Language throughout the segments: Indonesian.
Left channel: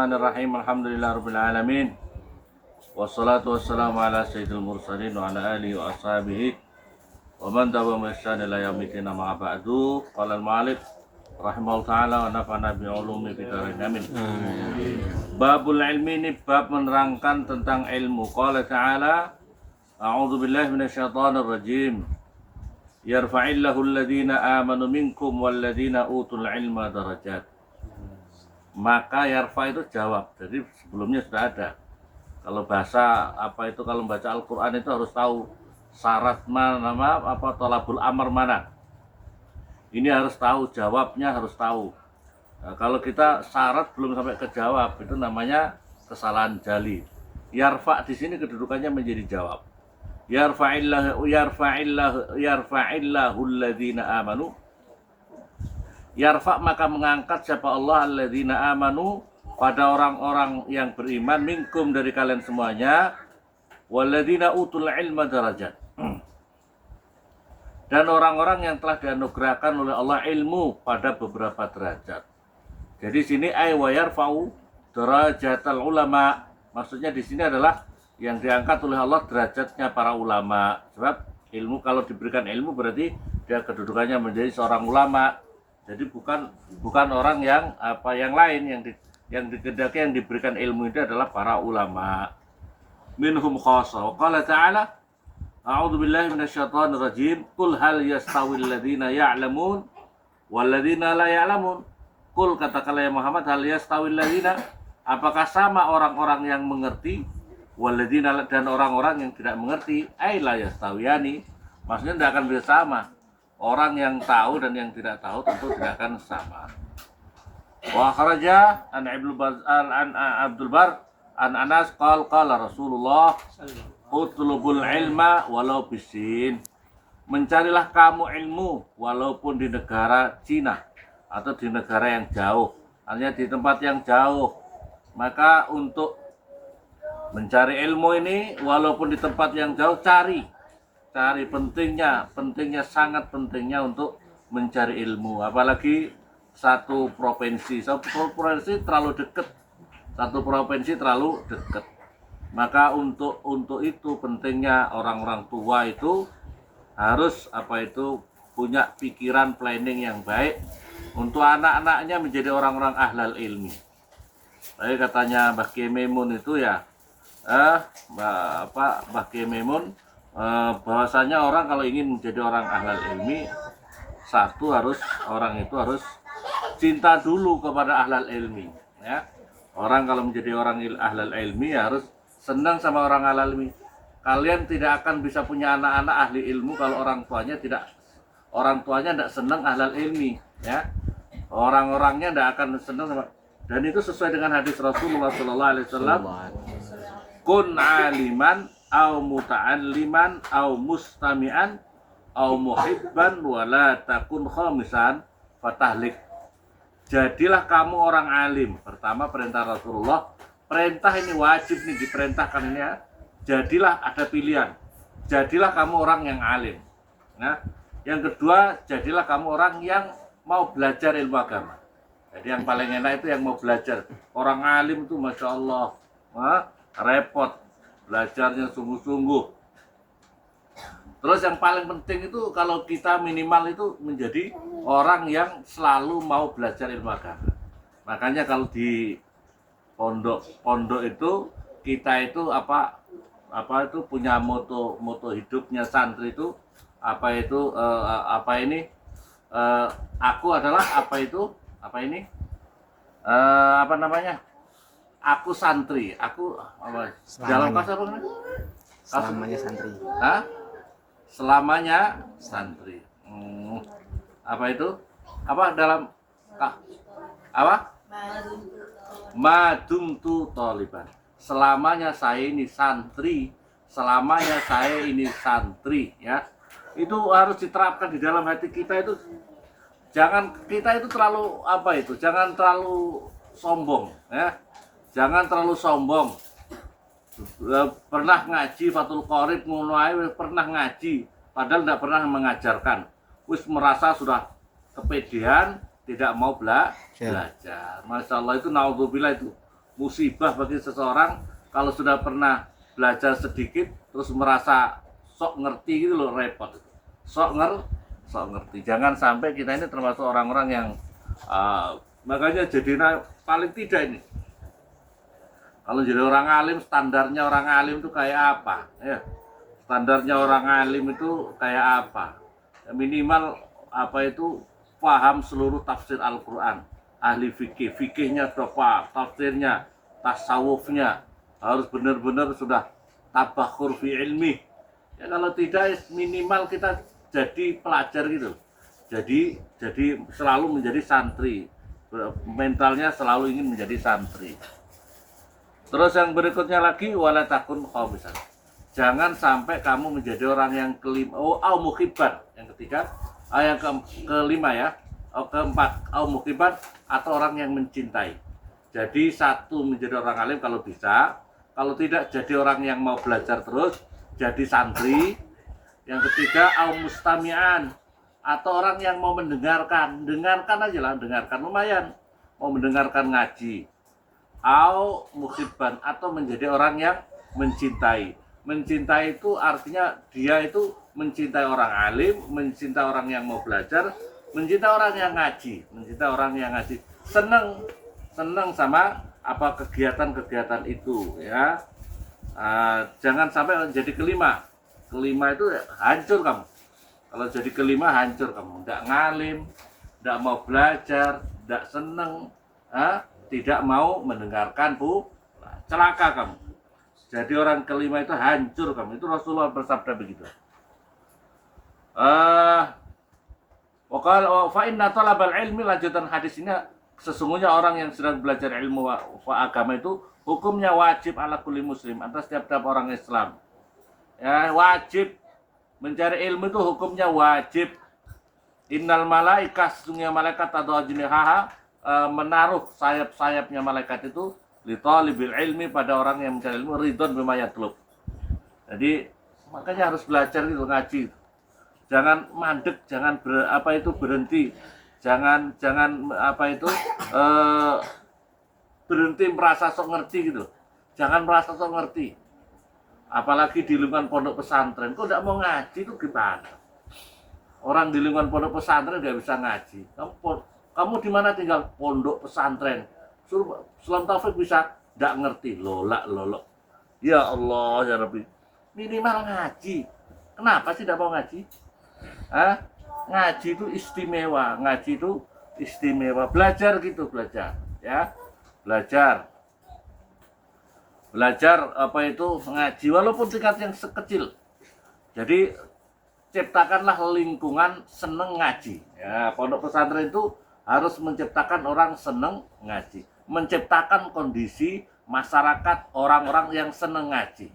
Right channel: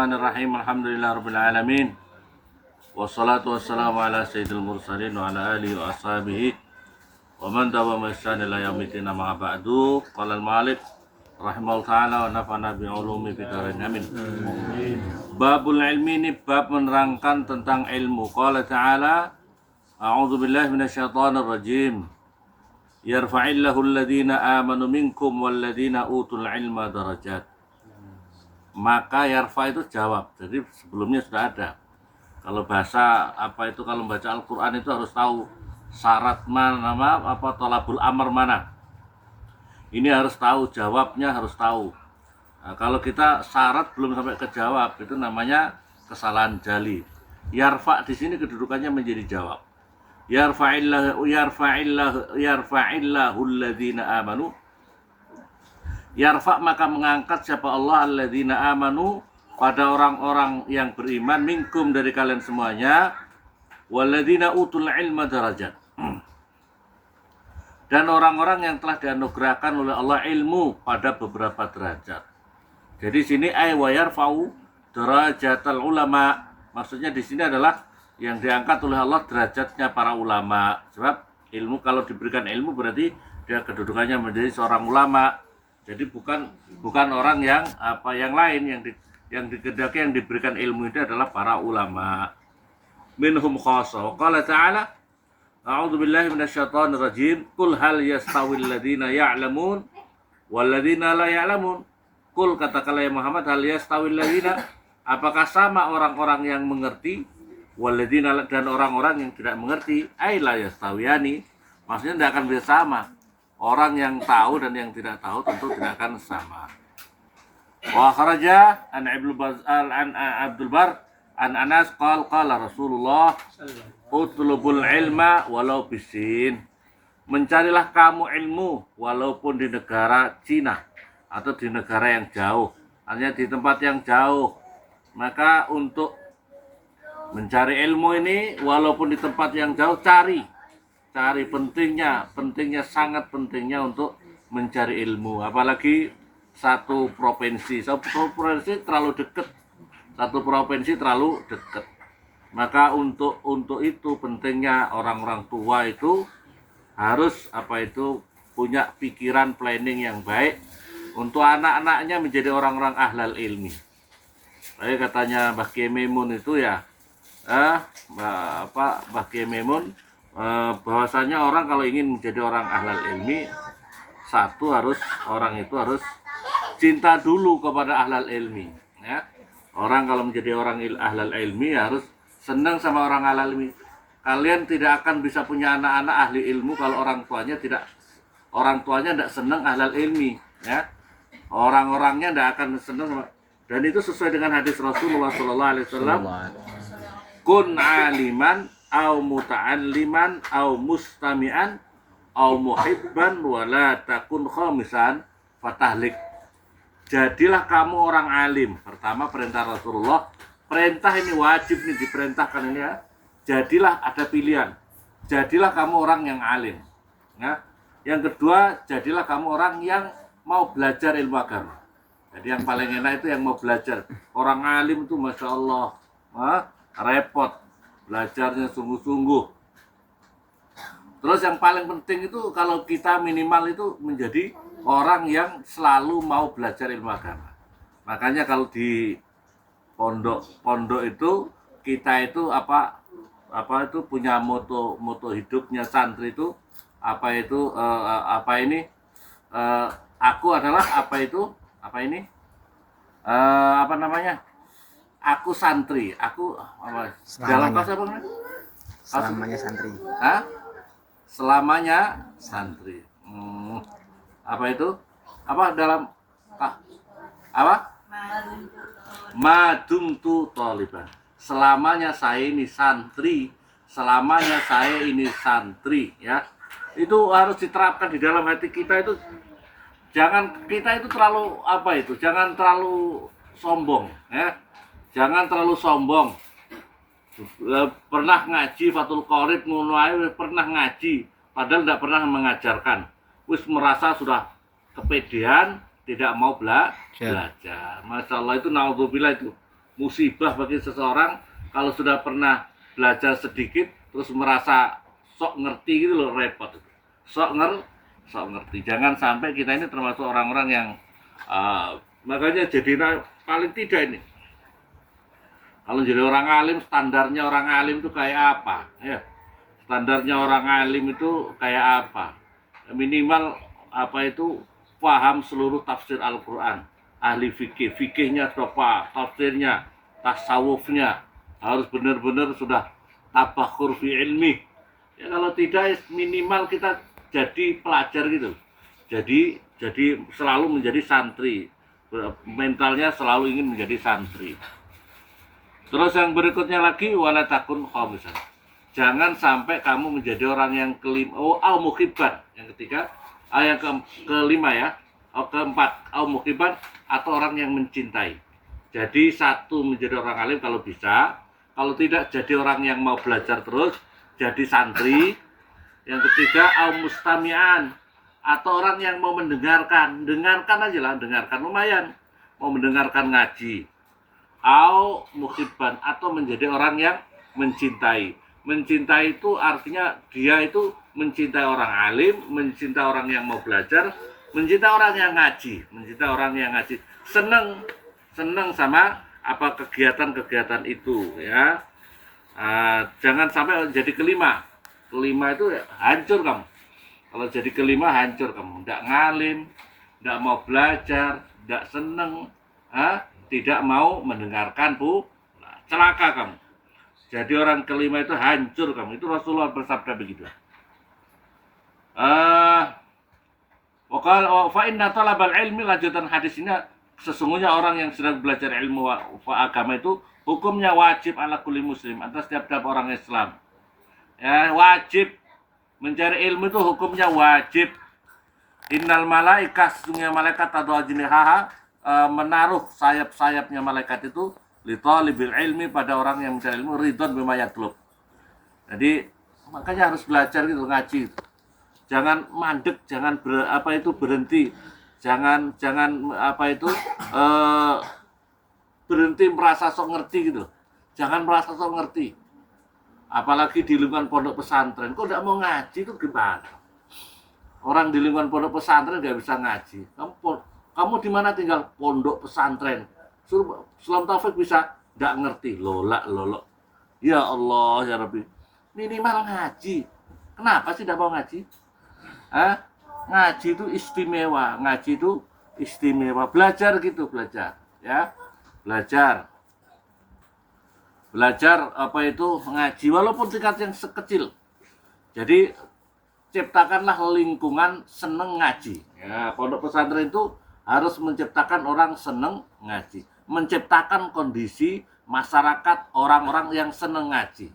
Bismillahirrahmanirrahim. Alhamdulillahirabbil alamin. Wassalatu wassalamu ala sayyidil mursalin wa ala alihi wa ashabihi wa man tabi'ahum bi ihsan ila yaumil amma ba'du. Qala al-ma'alif rahimahullah ta'ala wa nafa'ana bi ulumi fid dharain amin. Babul ilmi, ini bab menerangkan tentang ilmu. Qala ta'ala a'udzu billahi minasyaitonir rajim. Yarfa'illahu alladhina amanu minkum walladhina utul ilma darajat. Maka yarfa itu jawab. Jadi sebelumnya sudah ada. Kalau bahasa kalau membaca Al-Qur'an itu harus tahu syarat mana, tolabul amr mana. Ini harus tahu, jawabnya harus tahu. Nah, kalau kita syarat belum sampai ke jawab, itu namanya kesalahan jali. Yarfa di sini kedudukannya menjadi jawab. Yarfa'illahu alladhina amanu. Yarfa maka mengangkat siapa Allah alladzina amanu, pada orang-orang yang beriman, minkum dari kalian semuanya, walladzina utul ilma darajat, dan orang-orang yang telah dianugerahkan oleh Allah ilmu pada beberapa derajat. Jadi sini ay wa yarfa'u darajatal ulama, maksudnya di sini adalah yang diangkat oleh Allah derajatnya para ulama. Sebab ilmu, kalau diberikan ilmu berarti dia kedudukannya menjadi seorang ulama. Jadi bukan orang yang yang lain yang dikehendaki, yang diberikan ilmu itu adalah para ulama. Minhum khassa. Qala ta'ala a'udzu billahi minasyaitonir rajim. Qul hal yastawil ladzina ya'lamun wal ladzina la ya'lamun. Qul, katakanlah ya Muhammad, hal yastawil ladzina, apakah sama orang-orang yang mengerti, wal ladzina, dan orang-orang yang tidak mengerti, ai la yastawiyani, maksudnya tidak akan bisa sama. Orang yang tahu dan yang tidak tahu tentu tidak akan sama. Wa kharaja an Abdul Bar an Anas qala Rasulullah utlubul ilma walau bisin. Mencarilah kamu ilmu walaupun di negara Cina atau di negara yang jauh, hanya di tempat yang jauh. Maka untuk mencari ilmu ini walaupun di tempat yang jauh, cari pentingnya, sangat pentingnya untuk mencari ilmu. Apalagi satu provinsi terlalu dekat. Maka untuk itu pentingnya orang-orang tua itu harus punya pikiran planning yang baik untuk anak-anaknya menjadi orang-orang ahlal ilmi. Saya katanya Mbah Kiai Maimun itu ya, Mbah Kiai Maimun, bahwasanya orang kalau ingin menjadi orang ahlal ilmi, orang itu harus cinta dulu kepada ahlal ilmi, ya. Orang kalau menjadi orang ahlal ilmi harus senang sama orang ahlal ilmi. Kalian tidak akan bisa punya anak-anak ahli ilmu kalau orang tuanya tidak senang ahlal ilmi, ya. Orang-orangnya tidak akan senang. Dan itu sesuai dengan hadis Rasulullah SAW. Kun aliman au muta'alliman au mustami'an au muhibban wala takun khamisan fatahlik. Jadilah kamu orang alim. Pertama, perintah Rasulullah. Perintah ini wajib nih, diperintahkan ini ya. Jadilah, ada pilihan. Jadilah kamu orang yang alim. Nah, yang kedua, jadilah kamu orang yang mau belajar ilmu agama. Jadi yang paling enak itu yang mau belajar. Orang alim itu Masya Allah, repot. Belajarnya sungguh-sungguh. Terus yang paling penting itu kalau kita minimal itu menjadi orang yang selalu mau belajar ilmu agama. Makanya kalau di pondok itu kita itu punya moto hidupnya santri itu aku adalah aku santri, dalam bahasa apa namanya? Selamanya santri. Hah? Selamanya santri. Madumtu thaliban. Selamanya saya ini santri, ya. Itu harus diterapkan di dalam hati kita itu. Jangan terlalu sombong, ya. Jangan terlalu sombong. Pernah ngaji Fathul Qorib, pernah ngaji, padahal tidak pernah mengajarkan. Wis merasa sudah kepedean, tidak mau belajar. Masya Allah, itu naudzubillah itu. musibah bagi seseorang kalau sudah pernah belajar sedikit terus merasa sok ngerti gitu loh, repot itu. Sok ngerti. Jangan sampai kita ini termasuk orang-orang yang makanya jadi paling tidak ini. Kalau jadi orang alim, standarnya orang alim itu kayak apa? Ya. Standarnya orang alim itu kayak apa? Minimal apa itu paham seluruh tafsir Al-Quran. Ahli fikih, fikihnya apa? Tafsirnya, tasawufnya harus benar-benar sudah tabakhur fi ilmi. Ya kalau tidak minimal kita jadi pelajar gitu. Jadi selalu menjadi santri. Mentalnya selalu ingin menjadi santri. Terus yang berikutnya lagi wala takun khamisan. Jangan sampai kamu menjadi orang yang kelima, mukhibban. Yang ketiga, yang kelima ya, keempat, mukhibban atau orang yang mencintai. Jadi satu menjadi orang alim kalau bisa, kalau tidak jadi orang yang mau belajar terus, jadi santri. Yang ketiga, mustami'an atau orang yang mau mendengarkan aja lah, dengarkan lumayan, mau mendengarkan ngaji. Mukhibban atau menjadi orang yang mencintai. Mencintai itu artinya dia itu mencintai orang alim, mencintai orang yang mau belajar, mencintai orang yang ngaji, seneng sama apa kegiatan-kegiatan itu ya. Jangan sampai jadi kelima itu hancur kamu. Kalau jadi kelima hancur kamu, tidak ngalim, tidak mau belajar, tidak seneng, tidak mau mendengarkan celaka kamu. Jadi orang kelima itu hancur kamu. Itu Rasulullah bersabda begitu. Fa inna talabal ilmi, lanjutan hadis ini, sesungguhnya orang yang sedang belajar ilmu agama itu hukumnya wajib ala kulli muslim, atas setiap orang Islam. Ya, wajib mencari ilmu itu hukumnya wajib. Innal malaika, sesungguhnya malaikat atau ajnihaha, menaruh sayap-sayapnya malaikat itu li talibil ilmi, pada orang yang mencari ilmu, ridon bima yatlub. Jadi makanya harus belajar gitu, ngaji. Jangan mandek, jangan berhenti. Jangan berhenti merasa sok ngerti gitu. Jangan merasa sok ngerti. Apalagi di lingkungan pondok pesantren, kok tidak mau ngaji itu gimana? Orang di lingkungan pondok pesantren nggak bisa ngaji. Kamu di mana tinggal? Pondok pesantren. Suruh Islam Taufik bisa nggak ngerti, lolak. Ya Allah ya Rabbi, minimal ngaji. Kenapa sih tidak mau ngaji? Ngaji itu istimewa. Belajar ya. Belajar apa itu ngaji, walaupun tingkat yang sekecil. Jadi ciptakanlah lingkungan seneng ngaji. Ya, pondok pesantren itu harus menciptakan orang seneng ngaji, menciptakan kondisi masyarakat orang-orang yang seneng ngaji.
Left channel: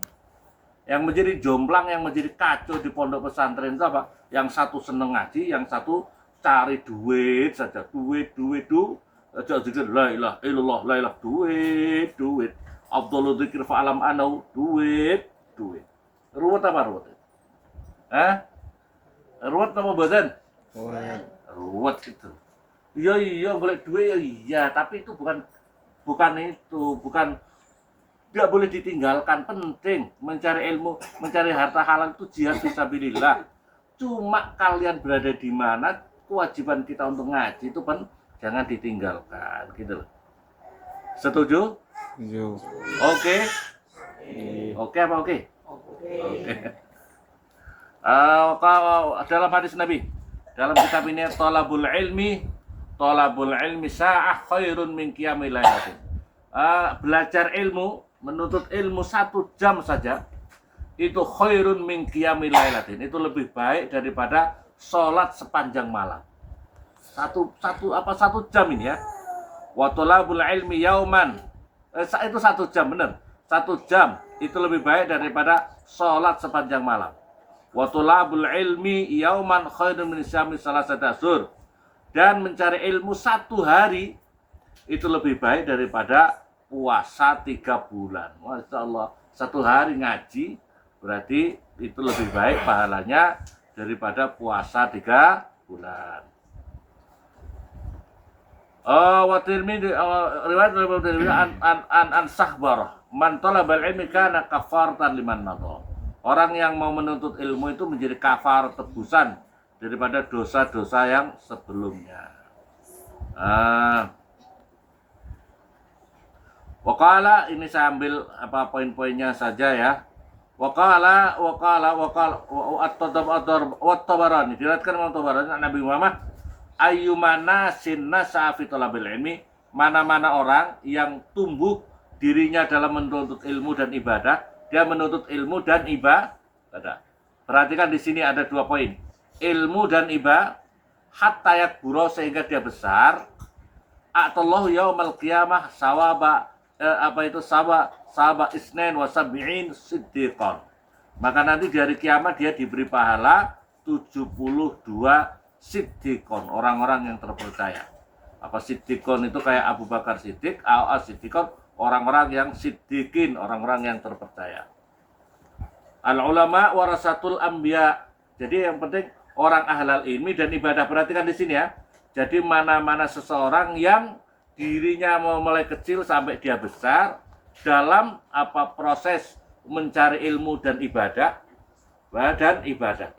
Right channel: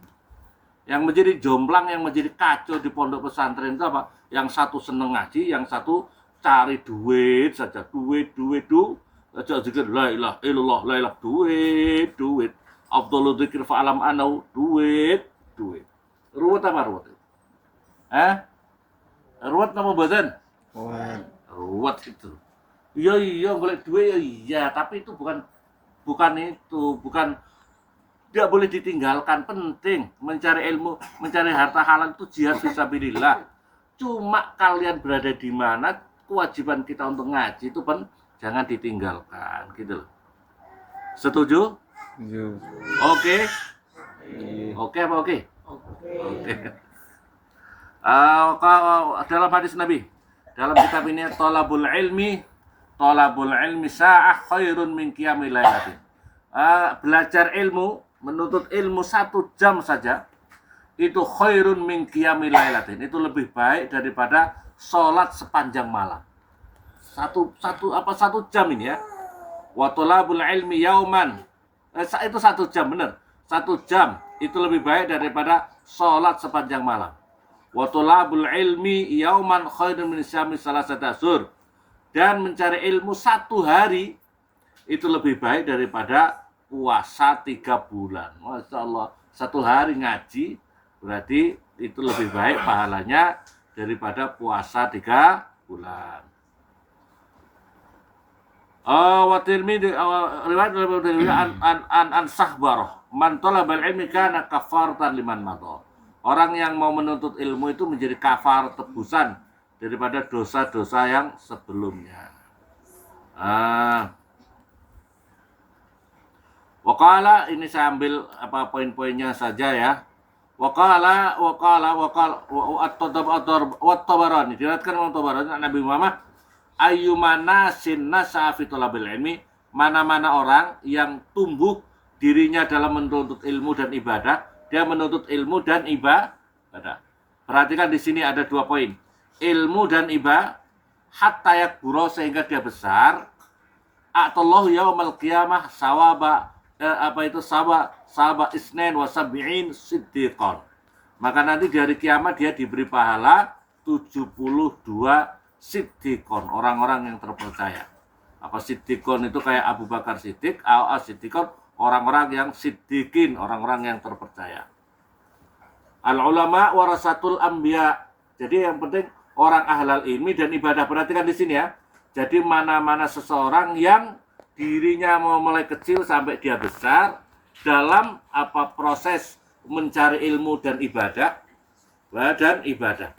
Yang menjadi jomplang, yang menjadi kacau di pondok pesantren itu apa? Yang satu seneng ngaji, yang satu cari duit saja, duit. Aja zikir la ilaha illallah, la ilaha duit. Abdullah dzikir fa'alam anau, duit. Ruwet apa ruwet? Ruwet nama badan? Ruwet itu. Iya, golek duit ya, tapi itu bukan tidak boleh ditinggalkan, penting mencari ilmu, mencari harta halal itu jihad fisabilillah. Cuma kalian berada di mana, kewajiban kita untuk ngaji itu jangan ditinggalkan, gitu loh. Setuju? Setuju. Oke. Oke apa oke? Oke. Dalam hadis Nabi, dalam kitab ini, talabul ilmi sa'ah khairun min qiyamil lailatin. Belajar ilmu, menuntut ilmu 1 jam saja itu khairun min qiyamil lailatin. Itu lebih baik daripada sholat sepanjang malam. Satu jam ini ya. Wa talabul ilmi yauman. Itu 1 jam, benar. 1 jam itu lebih baik daripada sholat sepanjang malam. Wa talabul ilmi yauman khairun min syami salasati asyhur. Dan mencari ilmu 1 hari itu lebih baik daripada puasa 3 bulan. Masya Allah, 1 hari ngaji berarti itu lebih baik pahalanya daripada puasa 3 bulan. Wa Tirmidzi riwayat dari Tirmidzi an Sahbarah man talabal ilmi kana kafaratan liman madha. Orang yang mau menuntut ilmu itu menjadi kafar tebusan daripada dosa-dosa yang sebelumnya. Waqala, ini saya ambil poin-poinnya saja ya. Waqala at-Tabarani, diriwayatkan oleh Tabarani Nabi Muhammad, ayyumana sinna sa'afi talabil ilmi, mana-mana orang yang tumbuh dirinya dalam menuntut ilmu dan ibadah, dia menuntut ilmu dan ibadah. Perhatikan di sini ada 2 poin. Ilmu dan ibadah hatta yakbura, sehingga dia besar. A'tallahu yaumal qiyamah sawaba sawaba isnain wa sab'in siddiqan. Maka nanti di hari kiamat dia diberi pahala 72 siddiqon, orang-orang yang terpercaya. Apa siddiqon itu kayak Abu Bakar Siddiq, siddiqon orang-orang yang siddiqin, orang-orang yang terpercaya. Al ulama warasatul anbiya. Jadi yang penting orang ahlal ilmi dan ibadah. Perhatikan di sini ya. Jadi mana-mana seseorang yang dirinya mau mulai kecil sampai dia besar dalam proses mencari ilmu dan ibadah.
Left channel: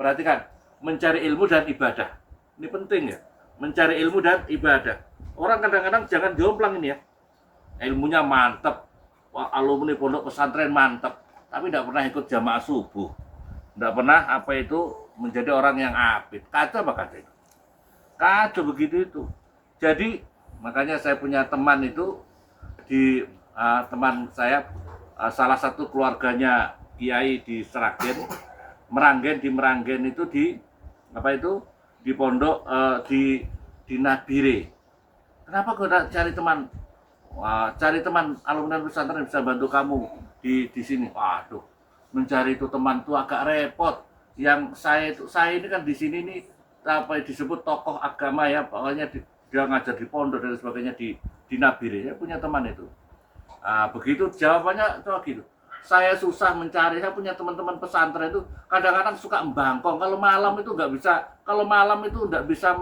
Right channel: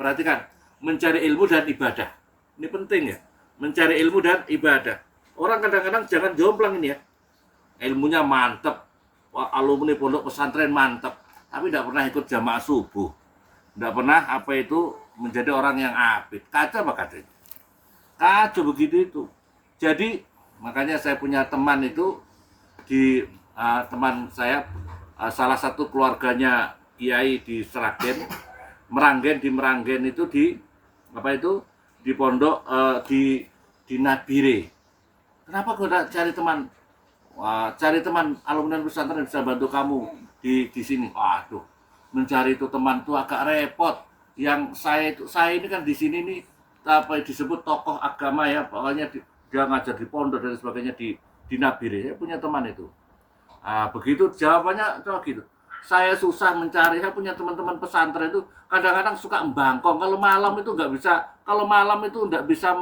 Perhatikan, mencari ilmu dan ibadah. Ini penting ya, mencari ilmu dan ibadah. Orang kadang-kadang jangan jomplang ini ya. Ilmunya mantep, alumni pondok pesantren mantep, tapi tidak pernah ikut jamaah subuh, tidak pernah menjadi orang yang abid. Kacau apa katanya? Kacau begitu itu. Jadi makanya saya punya teman itu teman saya salah satu keluarganya kiai di Sragen, di Meranggen itu di pondok di Nabire. Kenapa kau cari teman? Cari teman alumni pesantren yang bisa bantu kamu di sini. Waduh, mencari itu teman itu agak repot. Yang saya ini kan di sini nih disebut tokoh agama ya, pokoknya dia ngajar di pondok dan sebagainya di Nabire. Saya punya teman itu. Begitu jawabannya coba gitu. Saya susah mencari, saya punya teman-teman pesantren itu kadang-kadang suka membangkong. Kalau malam itu nggak bisa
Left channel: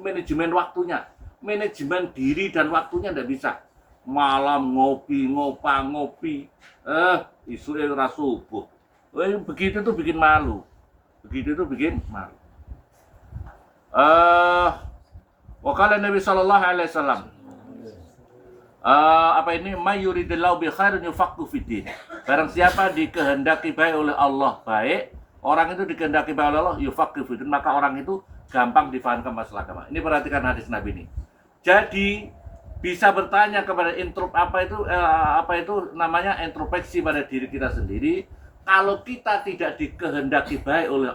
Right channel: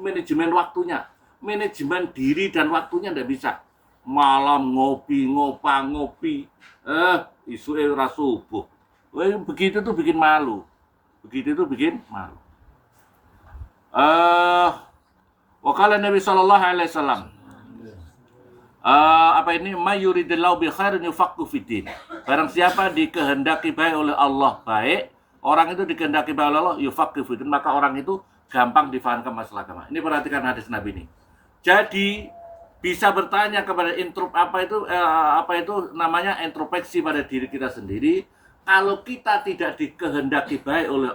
manajemen waktunya, manajemen diri dan waktunya nggak bisa. Malam ngopi, isu era subuh. Begitu tuh bikin malu. Wakala Nabi Sallallahu Alaihi Wasallam. Mayuridillahu bi khairin yufaqqih fiddin. Barang siapa dikehendaki baik oleh Allah baik, orang itu dikehendaki baik oleh Allah yufaqqih fiddin, maka orang itu gampang difahamkan masalah agama. Ini perhatikan hadis Nabi ini. Jadi bisa bertanya kepada introspeksi pada diri kita sendiri. Kalau kita tidak dikehendaki baik oleh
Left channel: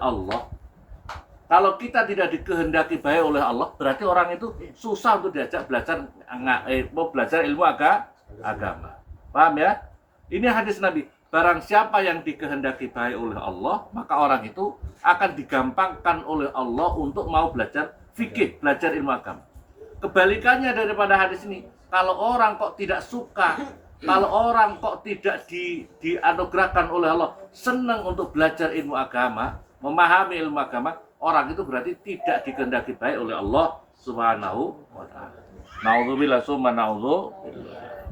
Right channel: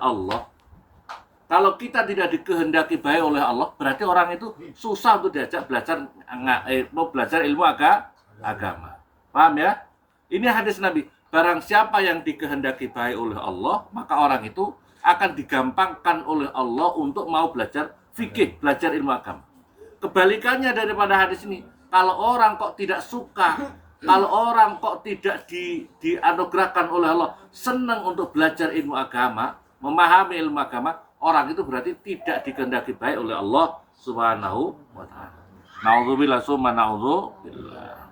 Allah, berarti orang itu susah untuk diajak belajar ilmu agama. Paham ya? Ini hadis Nabi. Barang siapa yang dikehendaki baik oleh Allah, maka orang itu akan digampangkan oleh Allah untuk mau belajar fikih, belajar ilmu agama. Kebalikannya daripada hadis ini, kalau orang kok tidak suka, kalau orang kok tidak dianugerahkan oleh Allah senang untuk belajar ilmu agama, memahami ilmu agama, orang itu berarti tidak dikehendaki baik oleh Allah Subhanahu wa taala. Nauzubillah summa nauzubillah.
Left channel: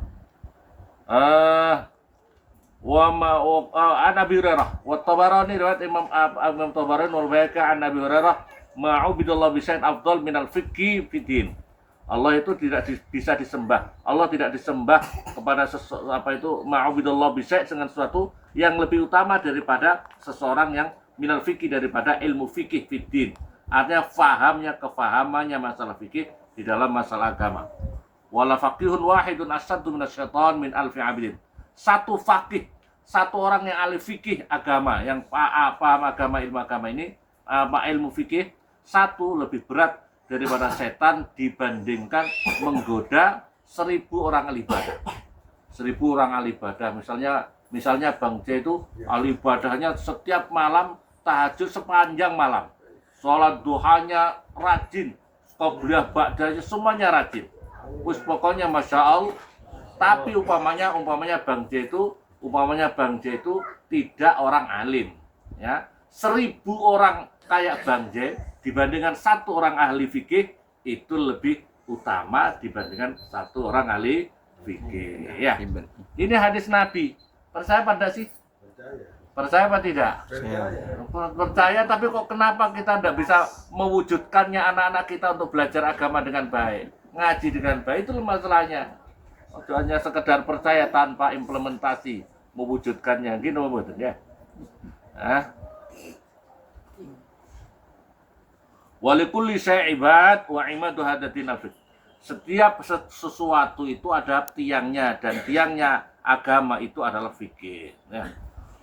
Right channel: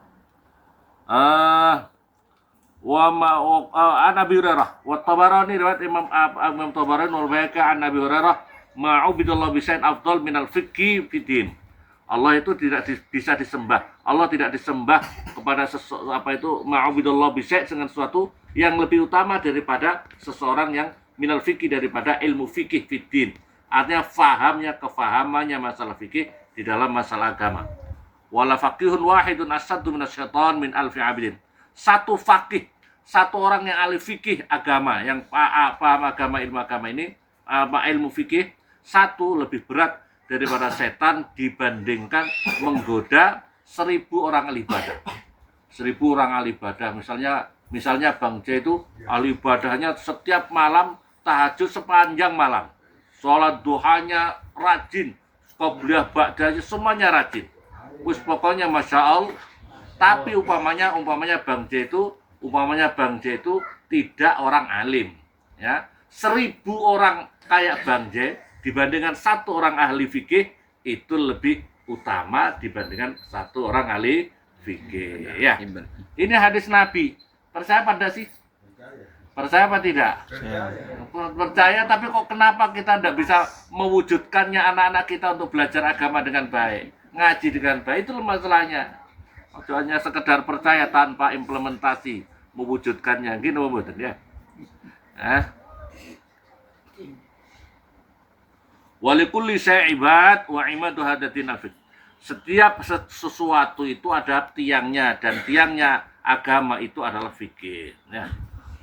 An Abi Hurairah wa Tabarani, riwayat Imam Tabarani wal Baihaqi an Abi Hurairah, ma'ubidallahu bisyai'in afdal minal fiqhi fiddin. Allah itu tidak bisa disembah. Allah tidak disembah kepada ma'ubidallahu bisyai' dengan sesuatu yang lebih utama daripada seseorang yang minal fikih, daripada ilmu fikih fiddin. Artinya kefahamannya masalah fikih di dalam masalah agama. Wala faqihun wahidun asaddu minasyaitan min alfi abidin. Satu fakih, satu orang yang ahli fikih agama, yang paham agama, ilmu agama ini, ilmu fikih, satu lebih berat daripada setan dibandingkan menggoda 1000 orang ahli ibadah. 1000 orang ahli ibadah. Misalnya Bang J itu ahli ibadahnya setiap malam tahajud sepanjang malam, sholat duhanya rajin, qobliyah ba'dahnya semuanya rajin. Pokoknya masya Allah. Tapi umpamanya Bang J itu tidak orang alim, ya. 1000 orang kayak Bang J dibandingkan satu orang ahli fikih itu lebih utama dibandingkan satu orang ahli fikih. Ya. Ini hadis Nabi. Percaya pada sih? Percaya apa tidak? Percaya, tapi kok kenapa kita tidak bisa mewujudkannya anak-anak kita untuk belajar agama dengan baik, ngaji dengan baik? Itu masalahnya. Hanya sekedar percaya tanpa implementasi mewujudkannya, gitu betul ya. Walikulli syai'ibad wa imadu hadati nafid. Setiap sesuatu itu ada tiangnya, dan tiangnya agama itu adalah fikih. Ya.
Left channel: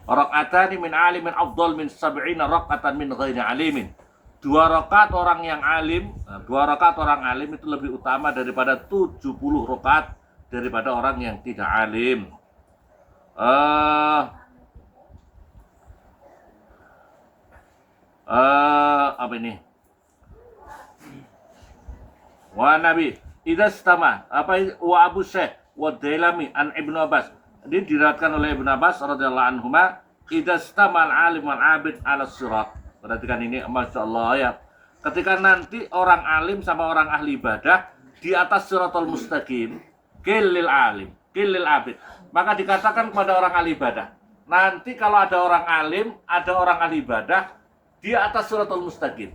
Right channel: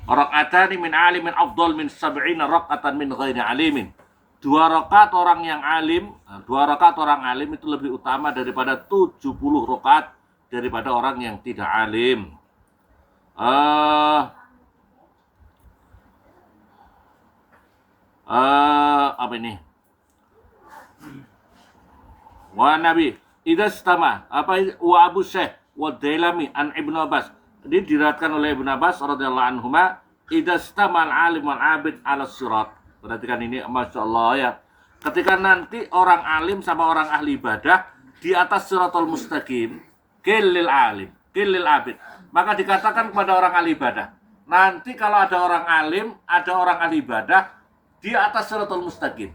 Raka'atani min alimin afdal min sab'ina raka'atan min ghairi alimin. 2 rakaat orang yang alim, 2 rakaat orang alim itu lebih utama daripada 70 rakaat daripada orang yang tidak alim. Apa ini? Wa Nabi idza stama apa wa Abu Syekh wa Dailami an Ibnu Abbas. Ini diriwayatkan oleh Ibnu Abbas radhiyallahu anhuma, idza stama al-alim wal 'abid 'ala sirat. Perhatikan ini, masyaallah ya. Ketika nanti orang alim sama orang ahli ibadah di atas siratal mustaqim, qillil alim, qillil 'abid. Maka dikatakan kepada orang ahli ibadah, nanti kalau ada orang alim, ada orang ahli ibadah di atas siratal mustaqim,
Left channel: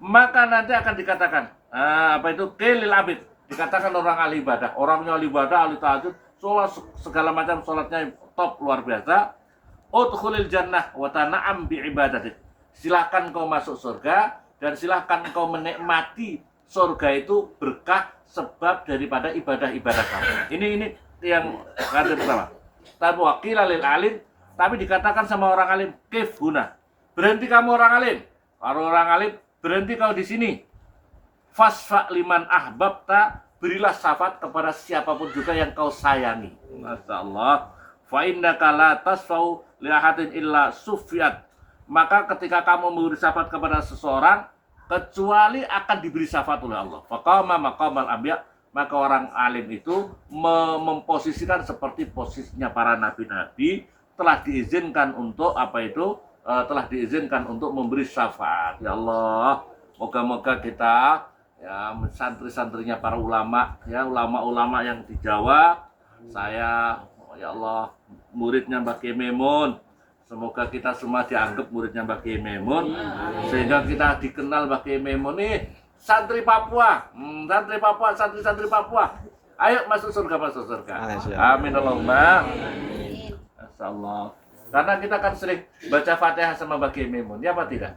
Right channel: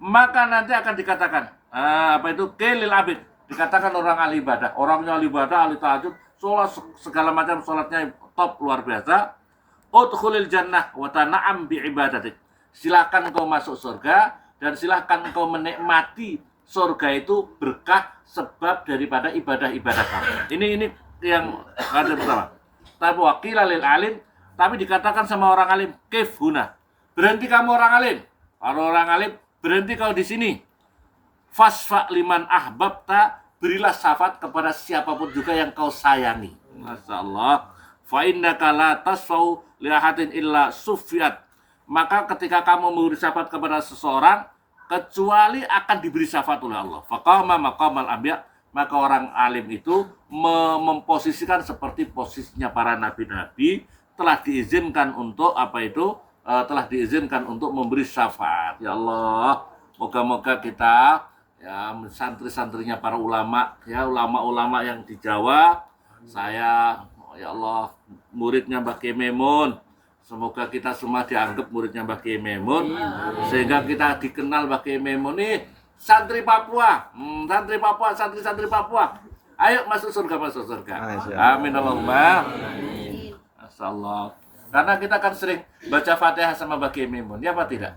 maka nanti akan dikatakan apa itu qillil 'abid. Dikatakan orang ahli ibadah, orangnya ahli ibadah, ahli tahajud, sholat segala macam, sholatnya top luar biasa. Udkhulil jannah wa tana'am bi ibadatik. Silahkan kau masuk surga dan silahkan kau menikmati surga itu berkah sebab daripada ibadah-ibadah kamu. Ini yang kata pertama. Tapi wakil lil alim, tapi dikatakan sama orang alim, kif huna. Berhenti kamu orang alim. Kalau orang alim, berhenti kau di sini. Fasfa liman ahbabta, berilah syafaat kepada siapapun juga yang kau sayangi. Masya Allah. Fa innaka la tasfau li ahadin illa sufiyat. Maka ketika kamu memberi syafaat kepada seseorang, kecuali akan diberi syafaat oleh Allah. Faqama maqamal anbiya, maka orang alim itu memposisikan seperti posisinya para nabi-nabi, telah diizinkan untuk apa itu? Telah diizinkan untuk memberi syafaat. Ya Allah, moga-moga kita ya santri-santrinya para ulama, ya ulama-ulama yang di Jawa, saya ya Allah muridnya Mbah Kiai Memun, semoga kita semua dianggap muridnya Mbah Kiai Memun, sehingga kita dikenal Mbah Kiai Memun nih santri Papua, santri-santri Papua, ayo masuk surga, masuk surga. Amin Allahumma. Masyaallah. Karena kita kan sering baca Fatihah sama Mbah Kiai Memun, ya apa tidak?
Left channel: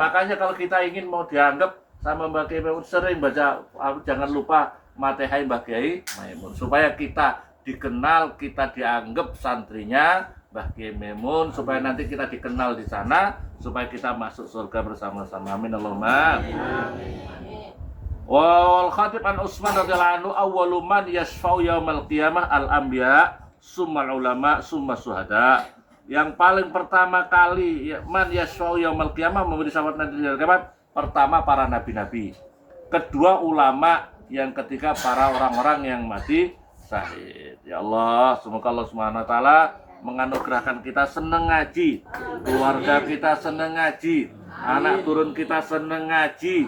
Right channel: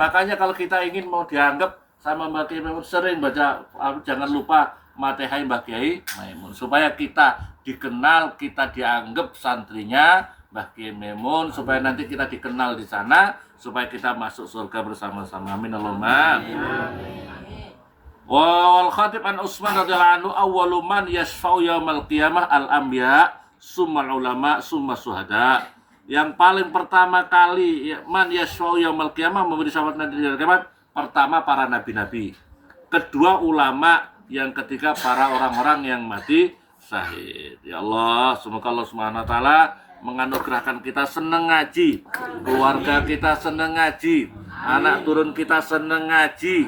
Makanya kalau kita ingin mau dianggap sama Mbah Kiai Memun, sering baca, jangan lupa matehai Mbah Kiai Memun, supaya kita dikenal, kita dianggap santrinya Mbah Kiai Memun, supaya nanti kita dikenal di sana, supaya kita masuk surga bersama-sama. Amin Allahumma. Wal khatib an Utsman radhiyallahu anhu, awwalu man yashfa'u yaumal qiyamah al-anbiya, summal ulama, summa syuhada. Yang paling pertama kali man yashfa'u yaumal qiyamah, memberi syafaat nanti di hari kiamat, pertama para nabi-nabi, kedua ulama, yang ketiga para orang-orang yang mati syahid. Ya Allah, semoga Allah Subhanahu wa taala menganugerahkan kita senang ngaji, keluarga kita senang ngaji, anak turun kita senang ngaji.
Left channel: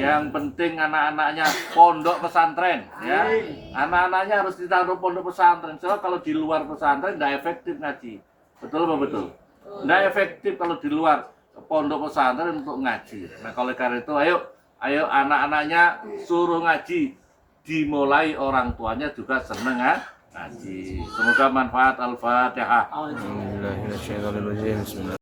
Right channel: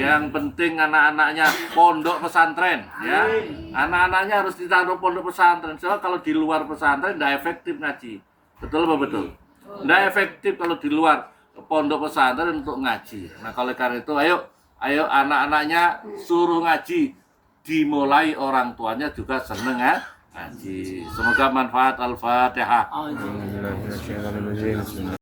Yang penting anak-anaknya pondok pesantren, ya. Anak-anaknya harus ditaruh pondok pesantren. Soalnya kalau di luar pesantren tidak efektif ngaji. Betul apa betul? Tidak efektif kalau di luar pondok pesantren untuk ngaji. Nah, kalau karena itu ayo anak-anaknya suruh ngaji, dimulai orang tuanya juga seneng ngaji. Semoga manfaat. Al-Fatihah.